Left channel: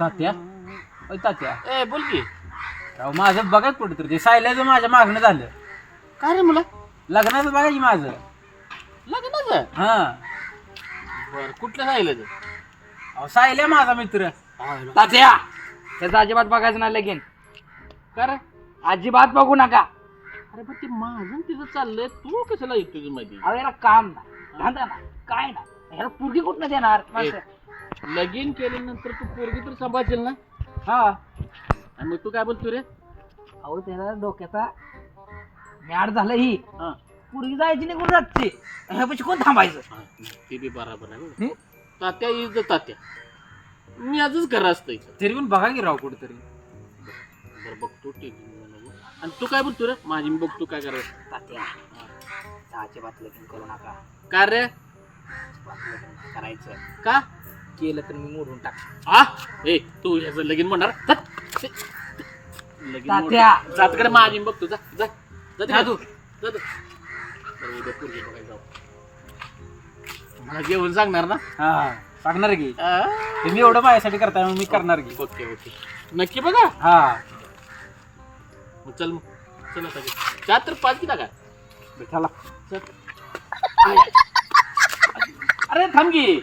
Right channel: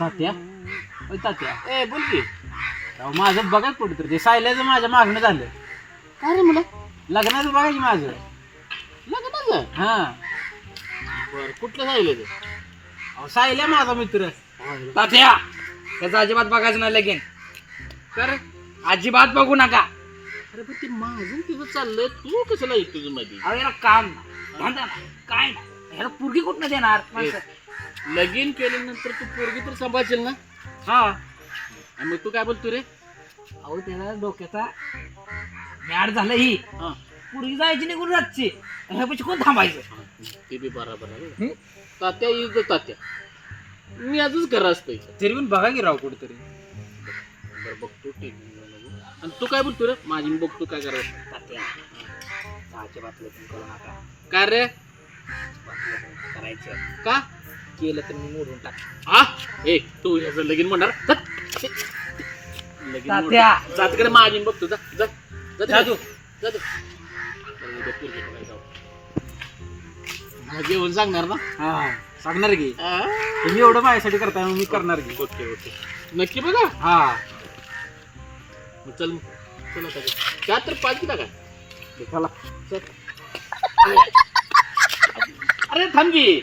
तात्या ओय तात्या ए बोल की. राव माझं बघा कुठं तर ते सायल्याचं माझ्या मागणं झालं. काय रे मुला लग्नाचं बघा की माझं. लग्नाचं? हा बर कुठलं सांगितलं ते? अहो सायल्या माझा मित्र. तात्या त्याचं अजिबात बघायचं नाही लगीन. का रे? अजिबात बघू नका. अरे पण ते माझं तिथं चाललंय, तू कशाला येतो तुझं मध्ये? अहो याला काम नाही धंदा नाही काय नाही, ह्याला पोरगी कुठनं देणार माणसं? लगीन केल्यानंतर तू पोरगी तर सांभाळशील ना? हा आणि मग तू काय बोलतो रे? अहो त्याला डोक्याचा मॅड झालं ही. हा पोरगी जायची निघून रातची, ह्यापाशी कोण थांबायचं? ते बी बरोबर आहे. हं? तात्या इज तात्या, मी आजच घर असतं इथं. तरी पण बघा की राव कुठेतरी. बरं बघतो ठीक. आणि तू काय बोलतो रे? माझी मी बघतो काय करायचं. तात्या अजिबात लगीन करू नका. काय रे? अजिबात लगीन करायचं का? केलं तर मी मोडून टाक. आ ए तू ह्याचं लगीन म्हणणार? लगीन तात्या. जात कडे माझी मी बघतो. जा जा जा तू जा तू. बरं, उद्या पोरगी बघायला जाऊ. मला जेवण सांगणार ना? हा सांगणार की आ? तुम्ही एवढं माझ्यासाठी करताय मग मी करणार की. ओके ओके नक्की बघा. हा मग चल मग चल आता काय तर पाच किला काय चला. चल. अरे थांब की.